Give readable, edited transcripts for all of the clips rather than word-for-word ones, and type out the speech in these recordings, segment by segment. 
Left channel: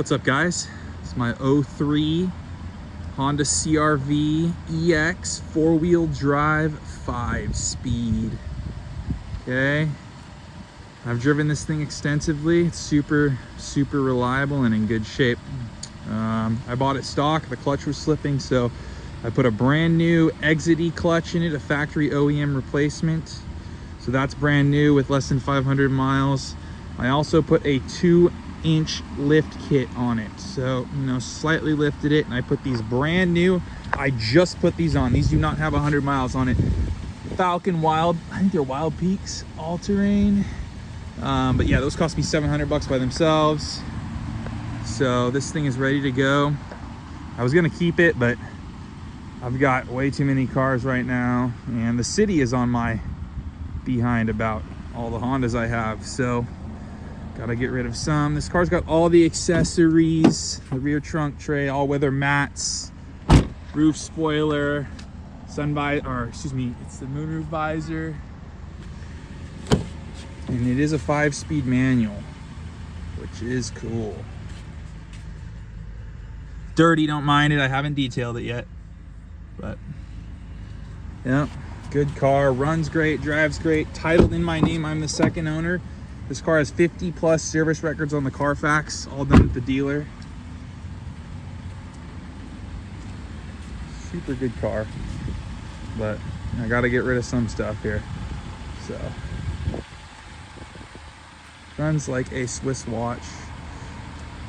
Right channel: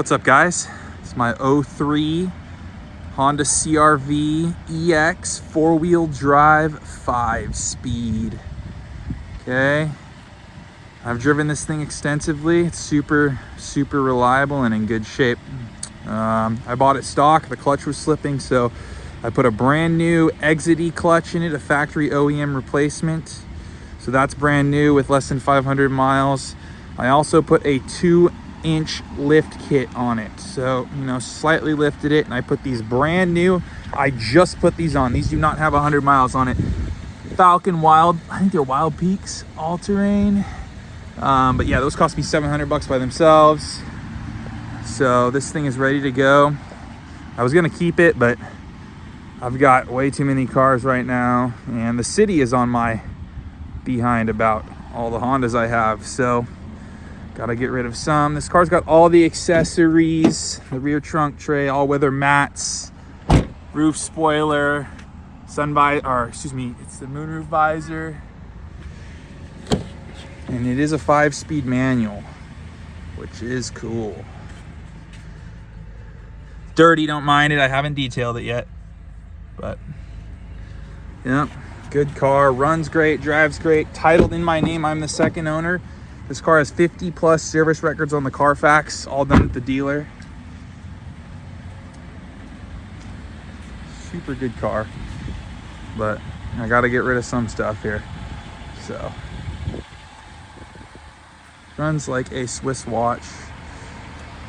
What's up, guys? It's my 03 Honda CRV EX 4-wheel drive 5-speed. Okay, I've driven this thing extensively. It's super reliable and in good shape. I bought it stock. The clutch was slipping, so I put a brand new Exedy clutch in it, a factory OEM replacement. So that's brand new with less than 500 miles. I also put a 2-inch lift kit on it, so slightly lifted it, and I put these brand new, I just put these on. These do not have 100 miles on it. Falken I think they're Wild-peaks All-Terrain, but yeah, those cost me 700 bucks by themselves. So this thing is ready to go. I was gonna keep it, but I've got way too many cars right now, and the city is on my behind about all the Hondas I have, so gotta get rid of some. This car's got all the accessories, the rear trunk tray, all-weather mats, roof spoiler, it's the moonroof visor, and it is a 5-speed manual, which is cool. Dirty, don't mind it. I haven't detailed it yet, but yeah, good car, runs great, drives great, titled in my name. I'm the second owner. This car has 50+ service records on the Carfax, all done at the dealer. Super good car, but I got to get rid of some stuff here. So runs like a Swiss watch.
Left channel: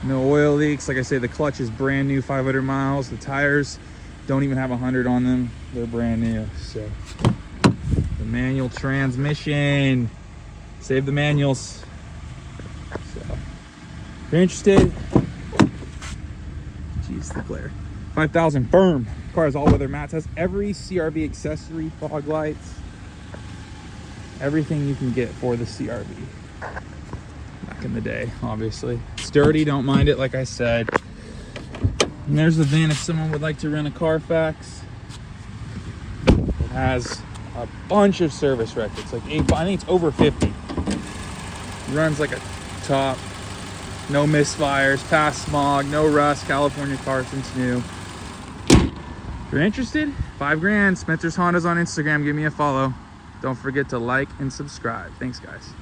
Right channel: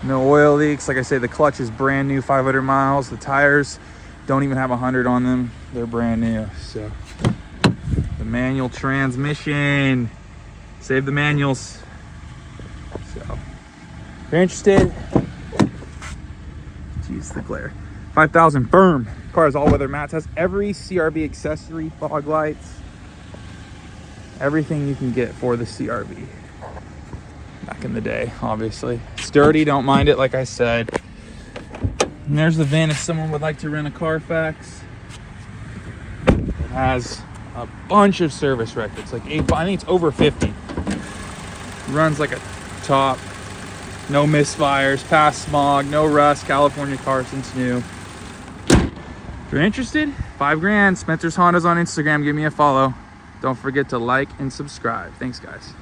No oil leaks. Like I say, the clutch is brand new, 500 miles. The tires don't even have 100 on them. They're brand new. So the manual transmission. Save the manuals. So if you're interested, jeez, the glare. 5,000 firm. Car has all-weather mats. Has every CRV accessory, fog lights, everything you can get for the CRV. Back in the day, obviously. It's dirty, don't mind it, like I said. And there's the VIN if someone would like to rent a Carfax. It has a bunch of service records, like I think it's over 50. Runs like a top. No misfires, past smog, no rust, California car since new. If you're interested, $5 grand. Spencer's Hondas on Instagram. Give me a follow. Don't forget to like and subscribe. Thanks, guys.